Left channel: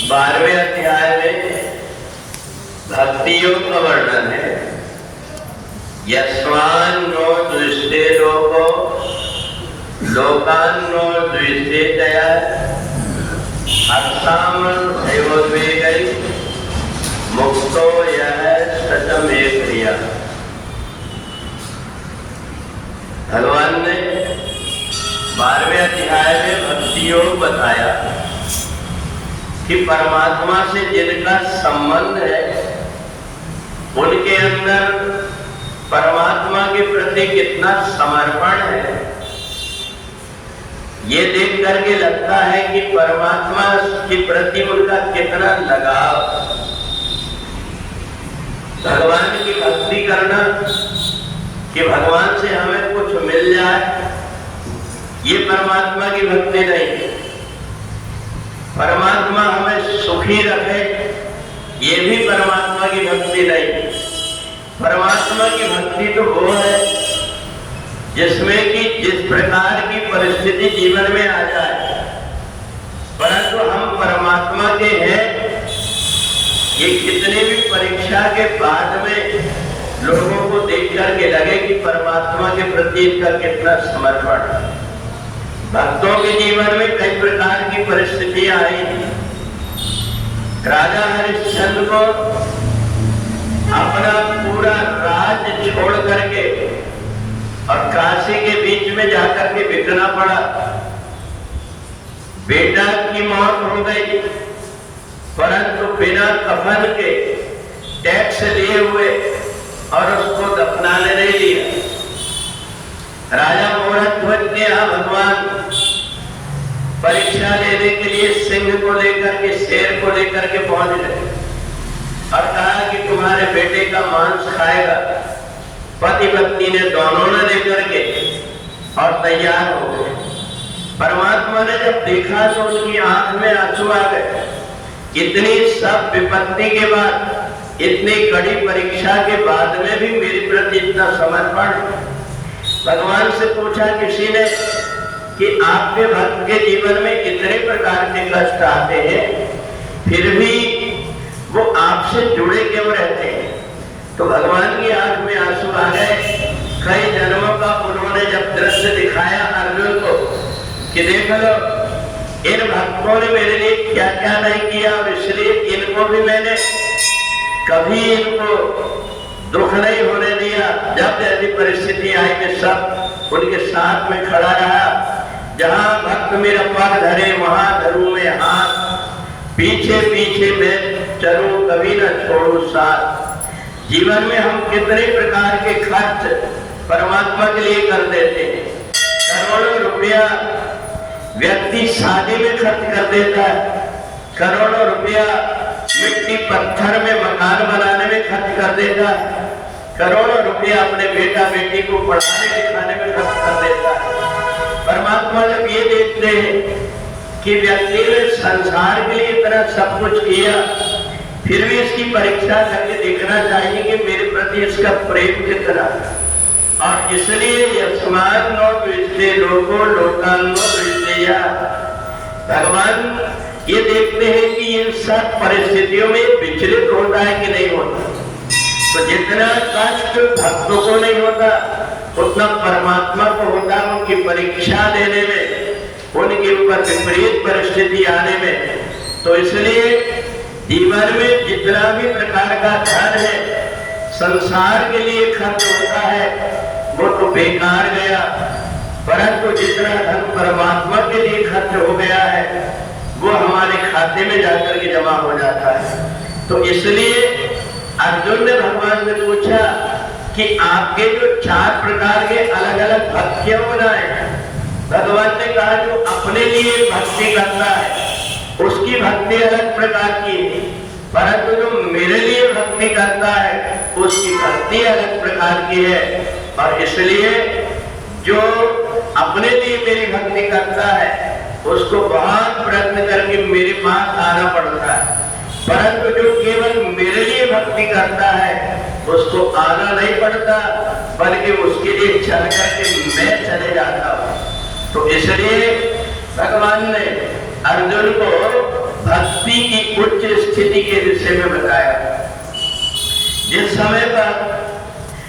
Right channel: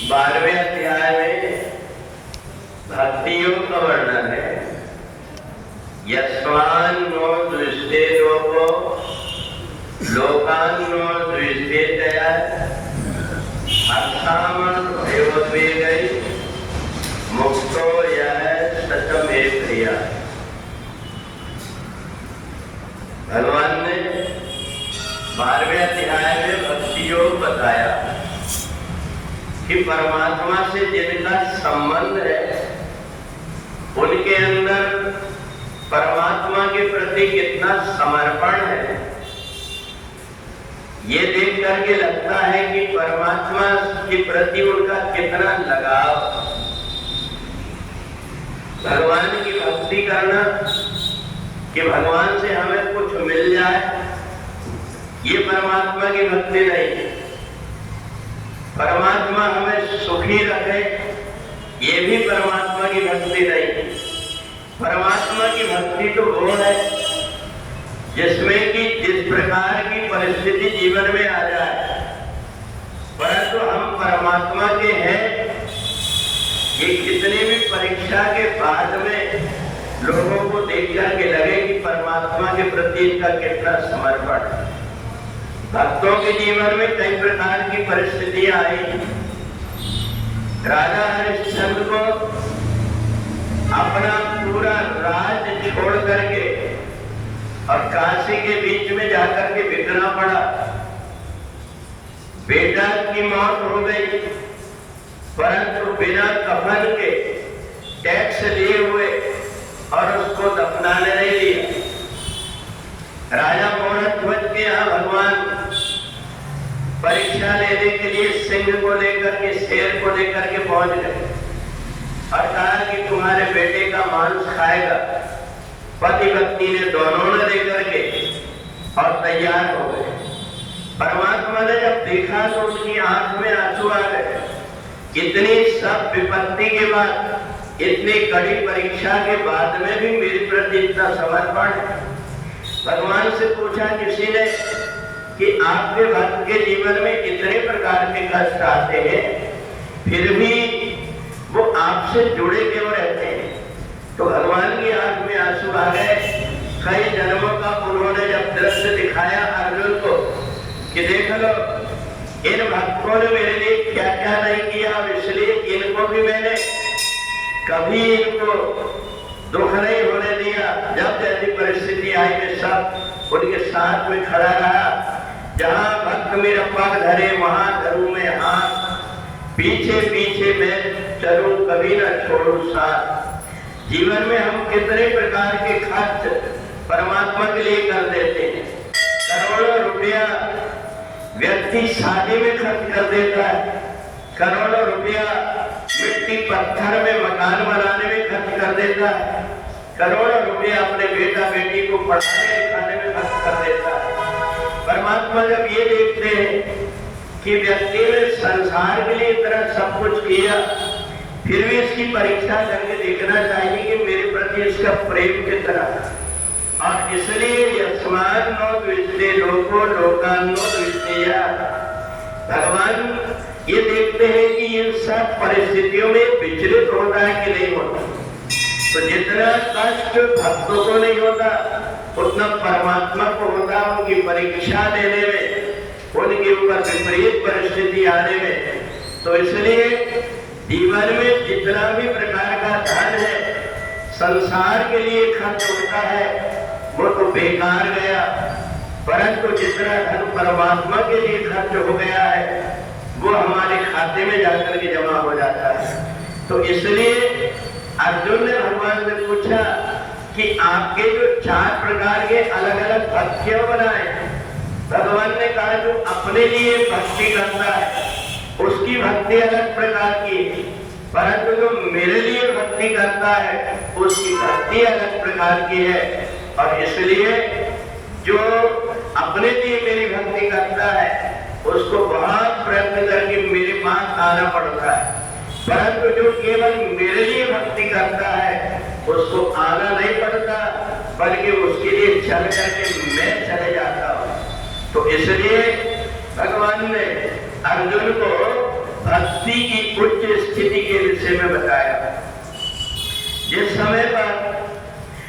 12वें अध्याय में भक्ति योग का वर्णन है। यस्मान्नो द्विष्टे लोको लोकान्नो द्विष्टे दया हर्षामन भयोद्वेगै मुक्तो यः सतमे प्रिया। भगवान ने 12वें अध्याय में भक्ति योग बताया कि परमात्मा से जिनका संबंध है उनके अंदर परमात्मा के प्रति कितना समर्पण है। ये देख करके लगता है कि परमात्मा के प्रति उनका कितना लगाव। भगवान की भक्ति करना कि भगवान से हमें कुछ मिल जाए, ये परमात्मा की भक्ति नहीं है। परमात्मा हमें सुखी रखे, ये भी परमात्मा की भक्ति नहीं है। परमात्मा की भक्ति तो वो है जिसमें कि जिस प्रकार की परिस्थिति जीवन में आ जाए, परंतु हम परमात्मा के हैं। ये कितनी भी परीक्षा के बाद में लोगों को देख करके लगे कि परमात्मा के प्रति इनका कितना समर्पण। भक्तों के जीवन में कई प्रकार की परिस्थितियां आई। राजा हरिश्चंद्र को अपना पूरा राज्य छोड़ करके और काशी के बीच में जाकर के बिकना पड़ा। बेटा की मौत हो गई, परंतु बिना कफन के टैक्स लिए हुए और उसको दफनाने नहीं दिया। राजा मोहध्वज के यहाँ भगवान परीक्षा लेने के लिए सिंह को लेकर के, शेर को लेकर के पहुंच गए और कहा कि तुम्हारे बेटे का मांस खाएगा। पति पत्नी ने दोनों ने लेकर के और तैयार हो गए। परमात्मा ने जब देखा तो उनकी आंख में आंसू आ गए। इतनी सब विपत्ति के बाद, इतनी कड़ी परीक्षा के बाद में भी मेरे प्रति इतना समर्पण। भगवान से पूछा किसी ने कि आपके भक्त के जीवन में इतने प्रकार के कष्ट आते हैं, फिर भी वो आपसे जुड़े क्यों रहते हैं? तो भगवान की आंख में आंसू आ गए। कई जन्मों का उन्होंने जब दृश्य दिखाया अर्जुन को कि देख लो इन भक्तों ने मेरे लिए क्या क्या नहीं किया, और इसलिए इनको भी मैंने कभी इनको दुख नहीं होने दिया। जब जैसी परिस्थिति आई मैं सब उनके साथ में खड़ा रहा। जहां भक्त मेरा पग धरे वहां धरूं मैं हाथ, पीछे पीछे मैं चलूं कभी न छोड़ूं साथ। जीवन में हम कितने प्रकार के खर्च परमात्मा के लिए कर देते हैं। करोड़ों रुपया व्यक्ति शादी में खर्च कर देता है, करोड़ों रुपया मिट्टी पत्थर में मकान बनाने में खर्च कर देता है, करोड़ों रुपया अपने बेटा बेटी को पढ़ाने लिखाने में खर्च कर देता है। परमात्मा जब ये देखते हैं कि व्यक्ति ने संसार के लिए इतना सब कुछ किया, फिर भी इसकी परीक्षा करके देखना चाहिए कि मेरे प्रति इसका प्रेम कितना। और इसलिए यस्मान् नो द्विष्टे लोको लोकान् नो द्विष्टेया। भगवान ये देखते हैं कि इन सब परिस्थितियों में विचलित होता है कि नहीं होता। तो जितना कष्ट भक्तों को नहीं होता उतना परमात्मा को होता उनकी परीक्षा लेने में, उनके ऊपर विपरीत परिस्थिति आने में। तो इसलिए जीवन में जितना भी प्रकार का धन है संसार के लिए खर्च होता है वो तो बेकार गया, परंतु जितना धन परमात्मा के लिए खर्च हो गया है वो हमारे खाते में जाकर के जमा हो जाता है। तो इसलिए अर्जुन ने भगवान से पूछा कि आपके जो 4 प्रकार के अलग अलग भक्त क्यों बनाए? भगवान ने कहा जो अपने लिए भक्ति करता है उसकी भक्ति अलग प्रकार की है, परंतु जो मेरे लिए भक्ति करता है उसकी भक्ति अलग प्रकार की है। और इसलिए जो अपने लिए मेरी भक्ति करता है उसको बहुत प्रयत्न करके मेरे पास आना पड़ता है, परंतु जो केवल मेरे लिए भक्ति करता है उसको आना नहीं पड़ता, बल्कि उसके लिए चल करके मैं चले जाता हूँ। तो इसलिए भगवान ने अर्जुन को भक्ति भक्ति की उच्च स्थिति के विषय में बताया। जिस समय पर